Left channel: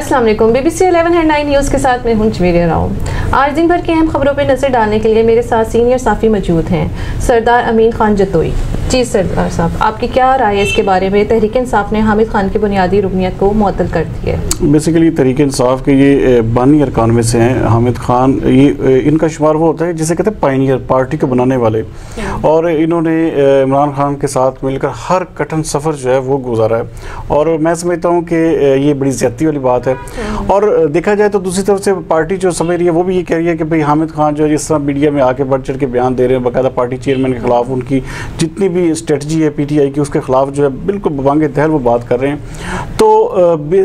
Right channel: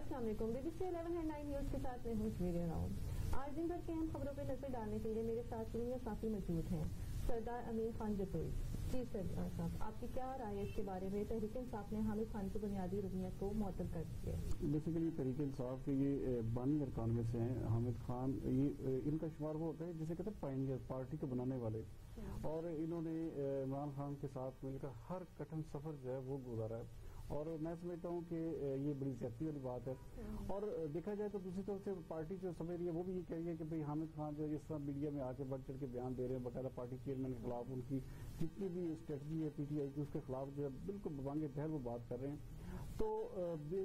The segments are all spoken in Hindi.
अस्सलाम वालेकुम। BBC 11 हेडलाइन न्यूज़ के साथ मैं हूं जमीरिया राव। आज दिन भर की अहम खबरों पर नजर डालने के लिए मेरे साथ सीनियर साफ़ी मौजूद हैं, सरदार अमीन खान जतोई। जी सरदार साहब, आपकी क्या राय है इसके बारे में? तहरीक इंसाफ ने हामिद खान की बुनियादी रुकनीत को मुअत्तल कर दी है। बेसिकली तहरीक इंसाफ के ये बानी अरकान में से हैं हामिद खान। ये इनका शुमार वो होता है जिसे कहते हैं पायनियर, पार्टी को बनाने वाले, और इन्होंने इमरान खान के साथ मिलकर हर कठिन सफ़र जो है वो गुजारा है, और मैं समझता हूँ कि ये बड़ी ज़्यादती वाली बात है। और देखा जाए तो दूसरी तरफ से पार्टी जो समझ रही है वो भी ये कह रही है कि भाई हामिद खान जो है जिस तरह मीडिया में आके बढ़ चढ़ के बयान दे रहे हैं, बाकायदा पार्टी चेयरमैन के खिलाफ उनकी जितनी भी स्ट्रेटजी है PTI की उसके खिलाफ जो है बिल्कुल बवांगे दहर वो बात कर रहे हैं। तो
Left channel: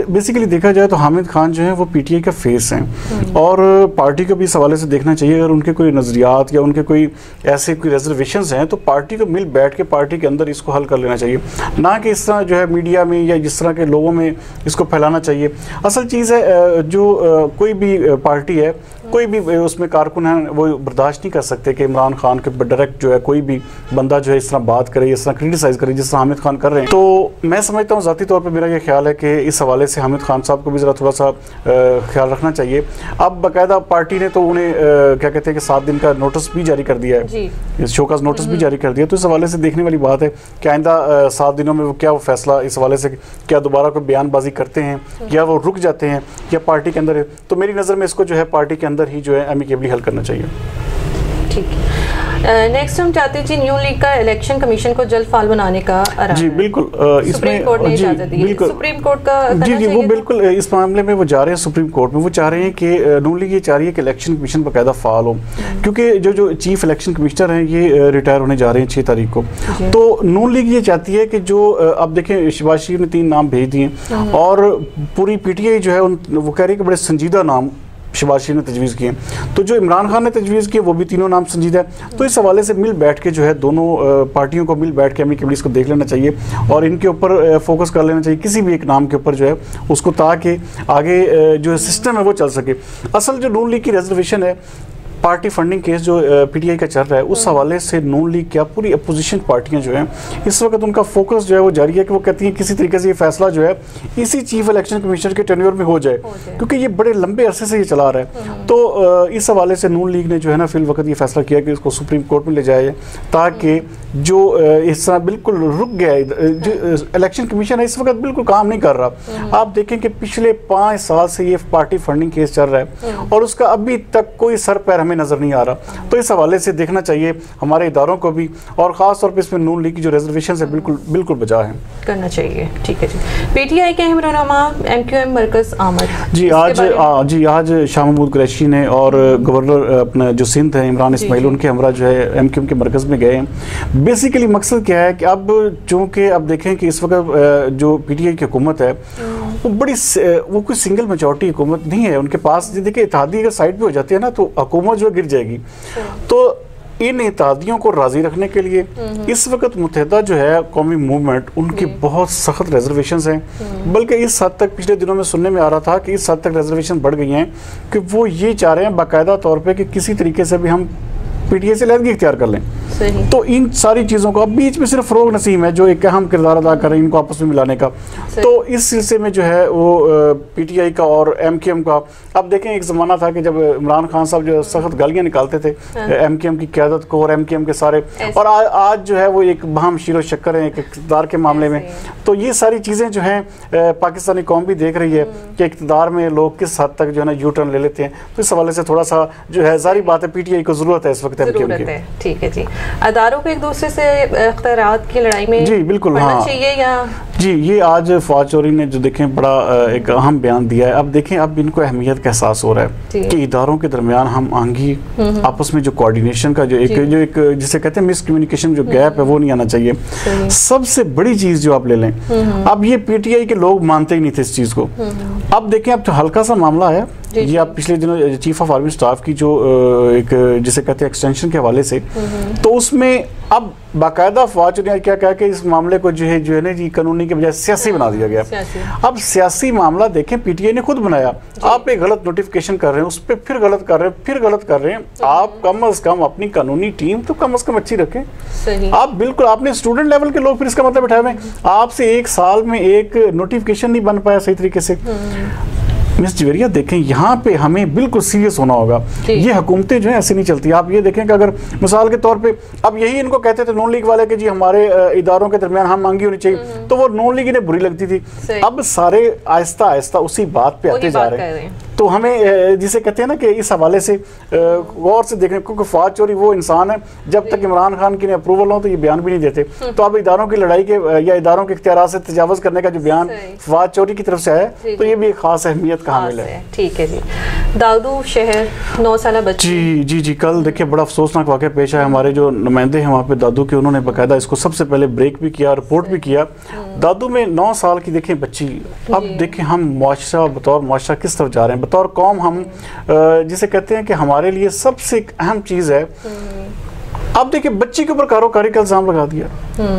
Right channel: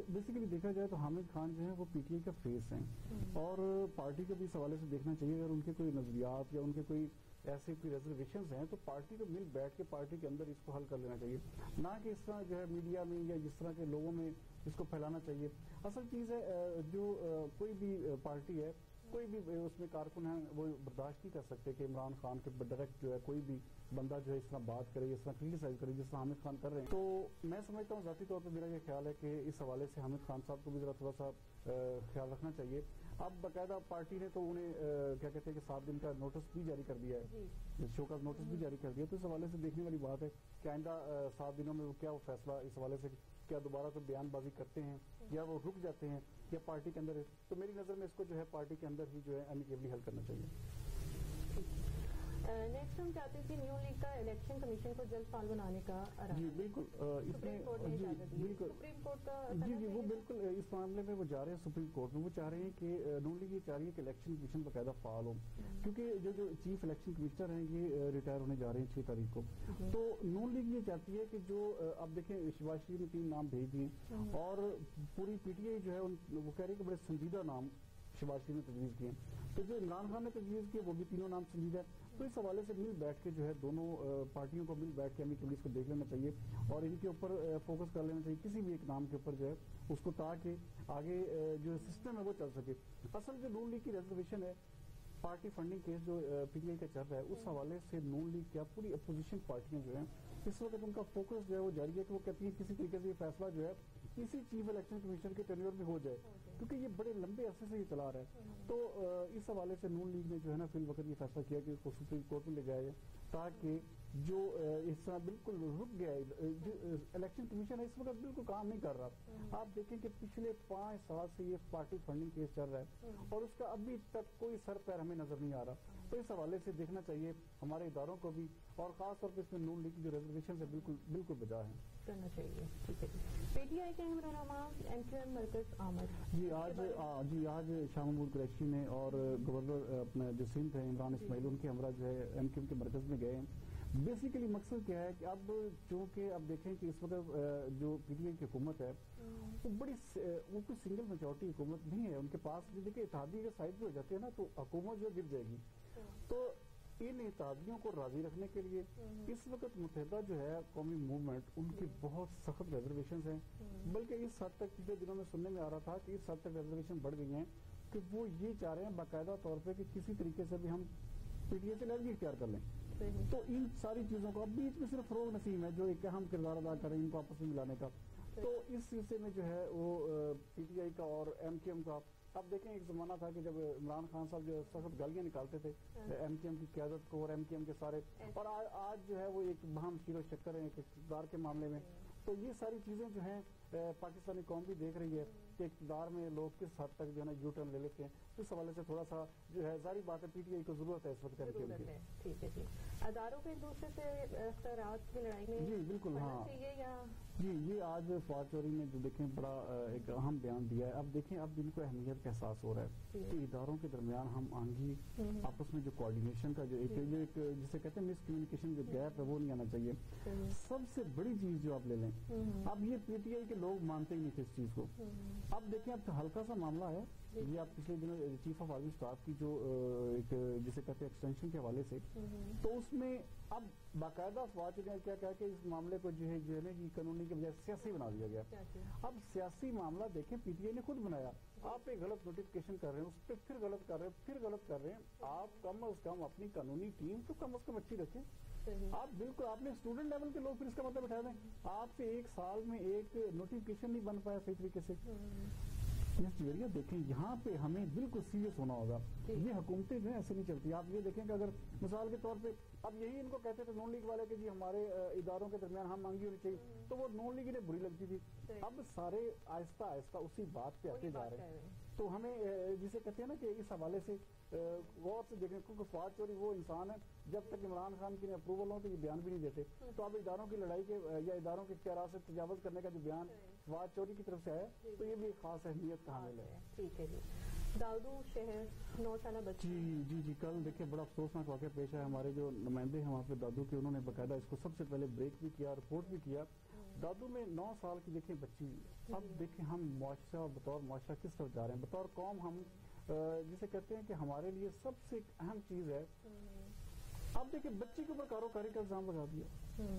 बेसिकली देखा जाए तो हामिद खान जो है वो PTI का फेस हैं, और पार्टी को भी इस हवाले से देखना चाहिए अगर उनके कोई नज़रियात या उनके कोई ऐसे कोई रिजर्वेशंस हैं तो पार्टी को मिल बैठ के पार्टी के अंदर इसको हल कर लेना चाहिए, ना कि इस तरह जो है मीडिया में या जिस तरह के लोगों में इसको फैलाना चाहिए। असल चीज़ है जो कोई भी पार्टी है, कोई भी उसमें कारकुन है, वो बर्दाश्त नहीं कर सकते कि इमरान खान के डायरेक्ट जो है कोई भी बंदा जो है इस तरह बात करे, इस तरह क्रिटिसाइज़ करे जिस तरह हामिद खान कर रहे हैं। तो मैं समझता हूँ ज़ाती तौर पे मेरा ये ख्याल है कि इस हवाले से हामिद खान साहब को भी ज़रा थोड़ा सा ख्याल रखना चाहिए। अब बाकायदा पार्टी ने तो उन्हें क्या कहते हैं कि 7 दिन का नोटिस भी जारी कर दिया है, शोकाज नोटिस भी जारी कर दिया। तो इस हवाले से देखने वाली बात है कि आइंदा 7 दिनों में वो क्या वो फैसला इस हवाले से क्या दोबारा कोई बयानबाजी करते हैं या वो रुक जाते हैं या पार्टी के अंदर है। तो मेरी नज़र में इसको जो है पार्टी के अंदर ही जो है एमिकेबली हल करना चाहिए। ठीक है। नेक्स्ट हम चाहते हैं जी न्यू लीग का इलेक्शन कमीशन को जल्द फाल बनाने का जी बिल्कुल सुप्रीम कोर्ट ने इजाज़त दी है। सुप्रीम कोर्ट का जी वो बिल्कुल इस मामले में वो जा रहे हैं सुप्रीम कोर्ट में। वो चाह रहे हैं कि न्यू लीग ये चाह रही है कि इलेक्शन कमीशन बाकायदा फाल हो, क्योंकि जो चीफ इलेक्शन कमिश्नर हैं ये रिटायर होने जा रहे हैं 6 तारीख को। तो न्यू लीग ये चाहती है कि जो अब देखें शहबाज शरीफ ने 3 नाम भेज दिए और पूरी PTI जो है वो कह रही है कि बड़े संजीदा नाम शहबाज शरीफ ने तजवीज़ किए, तो जो इमरान खान ने तजवीज़ किए वो भी तीनों नाम संजीदा है। तो इस हवाले से मिल बैठ के जो है दोनों पार्टियों को मिल बैठ के एमिकेबली इसको देख लेना चाहिए और इनके ऊपर फोकस कर लेना चाहिए किसी भी एक नाम के ऊपर जो है उसको, ताकि आगे जो सिस्टम है वो चल सके। असल जो नून लीग की रिजर्वेशन है, पार्टी फंडिंग केस जो PTI का चल रहा है, उस हवाले से नून लीग क्या पूरी अपोजिशन पार्टियां जो हैं इस वक्त उनका फोकस जो है वो जारी है कि वो कहती हैं किसी तरीके से ये फैसला जो है इसी चीफ इलेक्शन कमिश्नर के टेन्योर में हो जाए, क्योंकि ये बड़े लंबे अरसे से ये चला रहा है। तो इस हवाले से नून लीग ने जो है ना फिल वक्त ये फैसला किया कि इसको सुप्रीम कोर्ट में ले जाया जाए, ताकि जो इस तरह बिल्कुल रुक गया जो इलेक्शन कमीशन है इस वक्त बिल्कुल काम नहीं कर रहा। आप देखें कि पिछले 5 साल से ये पार्टी फंडिंग केस चल रहा है और उसका अभी तक कोई सर पैर हमें नजर नहीं आ रहा। तो इस हवाले से देखना चाहिए हमारे इदारों को भी, और खास तौर पे इसमें नून लीग की जो रिजर्वेशन है बिल्कुल बजा है, करना चाहिए। ठीक है जी। PTI के अहम रहनुमा MQM मरकज आमद जी आज शाह महमूद कुरैशी ने और गवर्नर अपना जो सिंध है इमरान इस्माइल उनके हमरा जो है MQM के मरकज में गए हैं। बेसिकली मकसद क्या है कि अब चूँकि अब देखें कि इस वक्त जो PTI की हुकूमत है वो कोई सिंगल मेजॉरिटी हुकूमत नहीं है उनके पास। देखिए इत्तेहादी अगर साइड पे हो जाती है ना तो हुकूमत जो गिर जाएगी। तो इन इत्तेहादियों को राजी रखने के लिए इस वक्त मुत्तहिदा जो है कौमी मूवमेंट उनकी बहुत सख्त रिजर्वेशंस हैं, बल्कि इस हद तक पिछले दिनों में सुनने में आ रहा था कि इस हद तक रिजर्वेशन बढ़ गई हैं कि वो ये चाह रहे हैं बाकायदा तौर पे कि किसी तरीके से भी हम PTI से लहदगी इख्तियार कर लें। तो इन सारी चीज़ों को अब बीच में सिर्फ फ़रोग नसीम है जो एक अहम किरदार अदा कर रहे हैं इनको आपस में मिलाने का। तो इस सिलसिले में जो है वो PTI का और MQM का, अब देखें एक ज़माना था कि जब इमरान खान साहब जो सख्त गालियाँ निकालते थे MQM की क़यादत को और MQM के सारे, और आज जो है वो एक बहम शीरो शक्कर है एक इक़्तिदार के मामले में। तो ये सारी चीज़ें जो हैं पाकिस्तानी कौम भी देख रही है कि इक़्तिदार में लोग किस हद तक जो है ना यू टर्न ले लेते हैं। तो इस हवाले से थोड़ा सा जो है जारी बात है PTI को ज़रूरत है इस वक्त MQM की। ठीक है जी। अदारों को एक दूसरे से इख्तियारात की लड़ाई में जी बिल्कुल हाँ चाहिए या जी। ये आज फवाद चौधरी ने जो देखें बड़ा एक अहम बयान दिया है। अब देखें अब इनको अहमियत का एहसास हो रहा है कि इदारों के दरमियान हम आंगी आपस में जो कोऑर्डिनेशन का जो एक जिसे कहते हैं मिस कम्युनिकेशन जो गैप है वो नहीं आना चाहिए। सबसे बड़ी चीज़ जो आप ले लें, अब ये PTI के लोग मानते ही नहीं थे इस चीज़ को। अब देखें अब तो हल्का सा मामला है ये, आप पिछले दिनों चीफ ऑफ आर्मी स्टाफ की जो एक जिसे कहते हैं एक्सटेंशन के हवाले से, तो उसमें अब बाकायदा फवाद चौधरी ने क्या कहा कि इस मामले को जो है ना जी कानूनी के बजाय सियासी बना दिया गया। अब सियासी मामला देखें PTI ने खुद बनाया, आप एक गलत नोटिफिकेशन कर रहे हैं उस पर फिर गलत कर रहे हैं आप कम अज कम अपनी कानूनी टीम तो कम अज कम अच्छी रखें। आप बिल्कुल आपने स्टूडेंट लेवल के लोग फिर इसका मतलब उठाए हुए आपसे 1 साल में एक नोटिफिकेशन नहीं बन पाया सही तरीके से। मिस जवेरिया देखें, यहाँ पे हमें बिल्कुल सीरियस होना होगा। ये हुकूमतें जो है ऐसे नहीं चलती। आप ये देखें कि अगर मिसाल के तौर पे अब यही इनको कहते थे नॉन लीग वाले कि जी हमारे इदारों के दरमियान हम मांगी होनी चाहिए, तो वो नॉन लीग इन्हें बुरी लगती थी। अब सारे आहिस्ता आहिस्ता उसी बात पे आते जा रहे हैं। तो हमें जिसे कहते हैं ना कि इस हवाले से गौर से देखने, क्योंकि फौज चोरी वो इंसान है जब तक इमरान खान की अप्रूवल हो तो ये बयान भी नहीं देते। तो अब इदारों की लड़ाई के या इदारों के इख्तियार से तजावज़ करने का जो बयान फौज चोरी की तरफ से है, तो ये भी एक खास अहमियत का हामिल है। ठीक है जी। दाऊदू शहर 9 साल बच्ची, जी कल देखिए बड़ा अफसोसनाक वाक़या पेश आया। हमारे जो नुमाइंदे हैं वहाँ पे दादू के, उन्होंने बाकायदा इसको सबसे पहले ब्रेक भी किया, रिपोर्ट भी किया। दादू में 9 साल की देखें बच्ची। अब देखें हम मुआशरा बतौर मुआशरा किस तरफ जा रहे हैं, बतौर कौम हम जिसे कहते हैं कि हमारे लिए सबसे अहम चीज़ है। अब देखिए बच्ची के ऊपर कारोकारी का इल्जाम लगा दिया।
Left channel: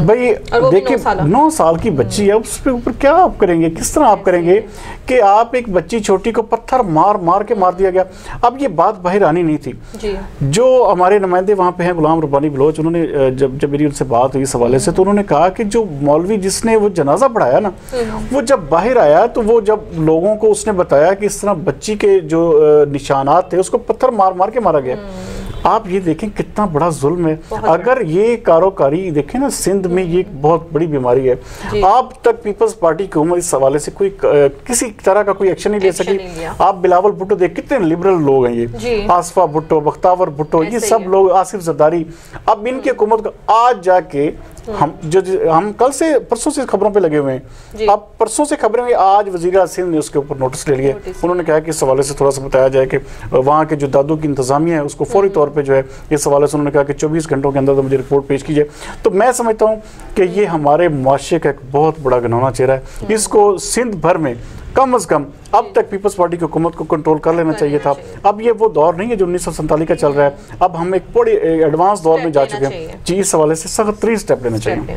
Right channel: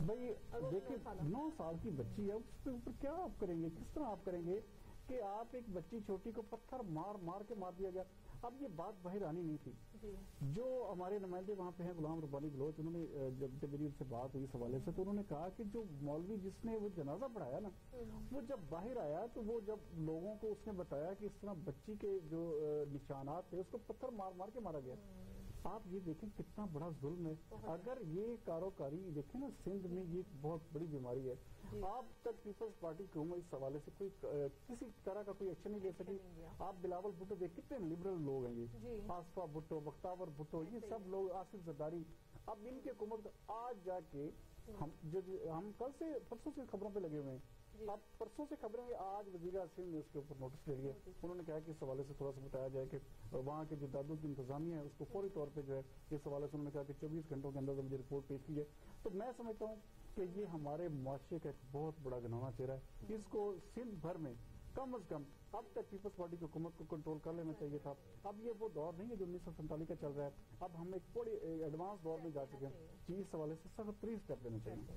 भाई देखिए 9 साल की बच्ची है, उसके ऊपर क्या आप करेंगे, किस तरह आप करेंगे कि आप एक बच्ची छोटी को पत्थर मार मार के मार दिया गया। अब ये बात बाहर आनी नहीं थी जी। जो हमारे नुमाइंदे वहाँ पे हैं गुलाम रब्बानी बलोच, उन्होंने जब मेरी उनसे बात हुई इस हवाले से, तो उन्होंने कहा कि जो मौलवी जिसने वो जनाजा पढ़ाया ना, वो जब बाहर आया तो वो जब लोगों को उसने बताया कि इस तरह बच्ची के जो निशानात थे उसको पत्थर मार मार के मारा गया। आप ये देखें कितना बड़ा जुल्म है। अगर ये कारोकारी देखें ना, सिंध में ये एक बहुत बड़ी बीमारी है। अब तक पीपल्स पार्टी की हुकूमत इस हवाले से कोई किसी तरह का कोई एक्शन नहीं ले सकी। आप बिलावल भुट्टो देख, कितने लिबरल लोग हैं ये, आसफा भुट्टो, बख्तावर भुट्टो, ये सब लोग, आसिफ जरदारी। अब इनकी हुकूमत को आज जाके हम कल से परसों से खबरों पे लगे हुए हैं। अब परसों से खबरें हुई, आज वज़ीर सिंध ने उसके ऊपर नोटिस ले लिए। उन्होंने कहा कि इस हवाले से थोड़ा सा बताया जाए कि वहाँ के जो दादू की इंतजामिया है उसको फौरी तौर पे जो है इस हवाले से उन्होंने कहा कि 24 घंटों के अंदर तो मुझे रिपोर्ट पेश कीजिए। तो मैं समझता हूँ कि ये हमारे मुआशरे का एक बहुत बड़ा घिनौना चेहरा है। इसको सिंध भर में कम से कम अब तक पीपल्स पार्टी की हुकूमत को कंट्रोल कर लेना चाहिए था। अब ये वो दौर नहीं है जो 1947 का चल रहा है। अब हम एक बड़े एडवांस दौर में जा चुके हैं जी। इस हवाले से सख्त 3 स्टेप लेना चाहिए।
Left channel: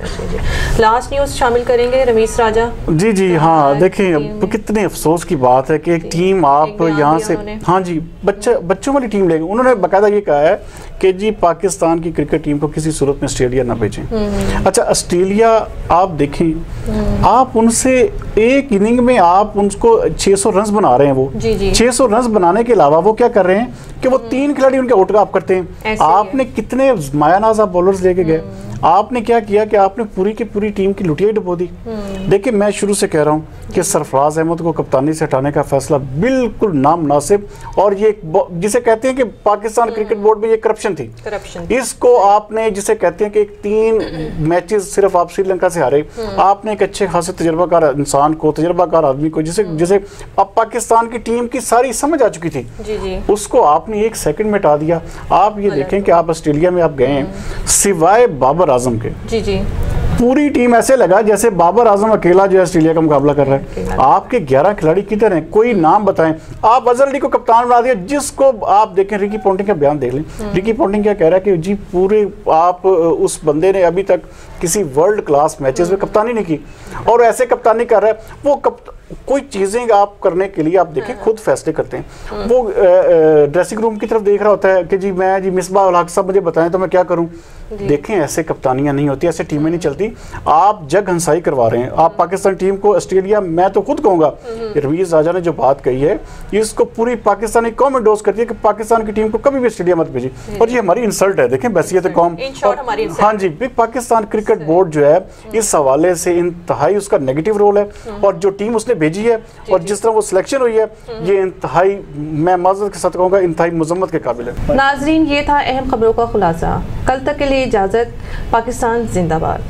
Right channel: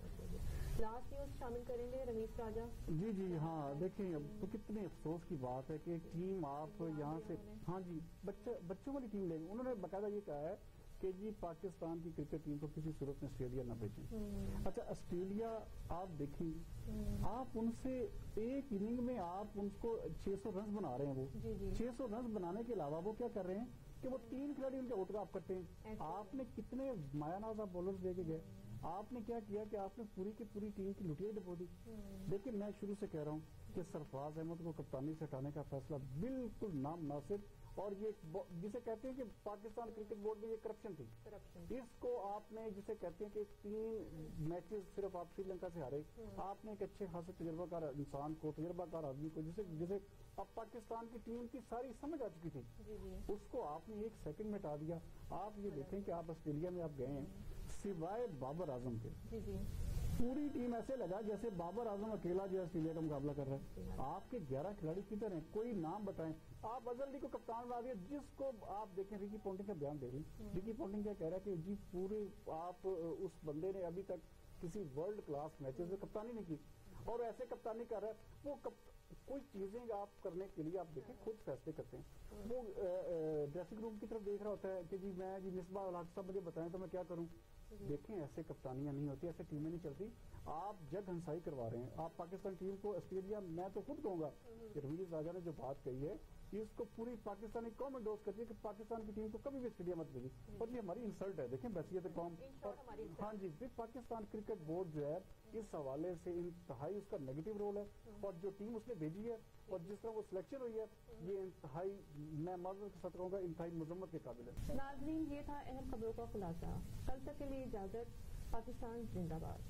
लास्ट न्यूज़ शामिल करेंगे रमीज राजा जी हाँ देखें, अब कितने अफसोस की बात है कि एक टीम आप यहाँ से, हाँ जी, बच्चों वाली टीम लेंगे। उन्होंने बाकायदा ये कहा है कि जी पाकिस्तान की क्रिकेट टीम को किसी सूरत में ऑस्ट्रेलिया ना भेजें। अच्छा ऑस्ट्रेलिया आप देखें, आप उनसे एक इनिंग में आप उनको 600 रन बना रहे हैं। वो 600 रन बनाने के अलावा वो क्या कर रहे हैं कि वो 3 खिलाड़ी उनके आउट आप करते हैं। आपने कितने मायानाज आप बॉलर्स लेके गए, आपने क्या किया कि आपने पूरी की पूरी टीम की लुटिया डुबो दी। देखिए मैं शुरू से कह रहा हूँ कि सरफराज अहमद को कप्तानी से हटाने का फैसला बिल्कुल नामुनासिब, और ये जिसे कहते हैं कि पाकिस्तान क्रिकेट बोर्ड में ये करप्शन थी। इसको आपने जिसे कहते हैं कि 3 मैचेस सिर्फ आप श्रीलंका से हारे, आपने एक अच्छे खासे तजर्बाकार इंसान को, तजर्बाकार आदमी को, जिसे अब पाकिस्तान की टीम की सारी समझ आ चुकी थी, उसको आपने 1 सेकंड में हटा दिया। आप ये देखें कि आप ऑस्ट्रेलिया में आप गए हैं, सिवाय बाबर आजम के पूरी टीम ऐसे लगा जैसे बाबर आजम अकेला जो है ऑस्ट्रेलिया का मुकाबला कर रहा है। आपके 11 खिलाड़ी किधर हैं, कोई नाम बताएं। आप अजहर अली को कप्तान बना दिया, जिसको आप देखें, रिकी पॉन्टिंग का बयान देख लें। रिकी पॉन्टिंग क्या कह रहा है कि जी पूरे आप उस बंदे ने अभी तक किसी वर्ल्ड क्लास मैचेस में कप्तानी नहीं की, और ऐसे कप्तानी कर रहा है। वो कोई चीज़ें आप करने के लिए आप देखें खुद फैसले करते हैं। वो ड्रेसिंग रूम की तरफ देख रहा होता है कि जी मैं जी मिसबाह उल हक साहब मुझे बताएं तो मैं क्या करूं। देखें ऐसे कप्तानियां नहीं होती, ऐसे टीमें नहीं चलती। आप जग हंसाई करवा रहे हैं। आप पाकिस्तान टीम को ऑस्ट्रेलिया, मैं तो खुद कहूँगा रमीज राजा ने जो बात कही है इसको पूरी पाकिस्तानी कौम एंडोर्स करती है कि पाकिस्तान की टीम को कभी भी ऑस्ट्रेलिया मत भेजी, और ये हमारी इंसल्ट है। देखें बैसियत कौम, हाँ जी, पाकिस्तान क्रिकेट बोर्ड जो है इस हवाले से इंतहाई उसका नेगेटिव रोल है, और जो टीम उसने भेजी है और जिस तरह वो सिलेक्शन हुई है ये इंतहाई, मैं माज़रत के साथ कहूँगा, इंतहाई मुज़म्मत के काबिल है। नाज़रीन ये था अहम खबरों का खुलासा। कल तक के लिए इजाज़त। पाकिस्तान जिंदाबाद।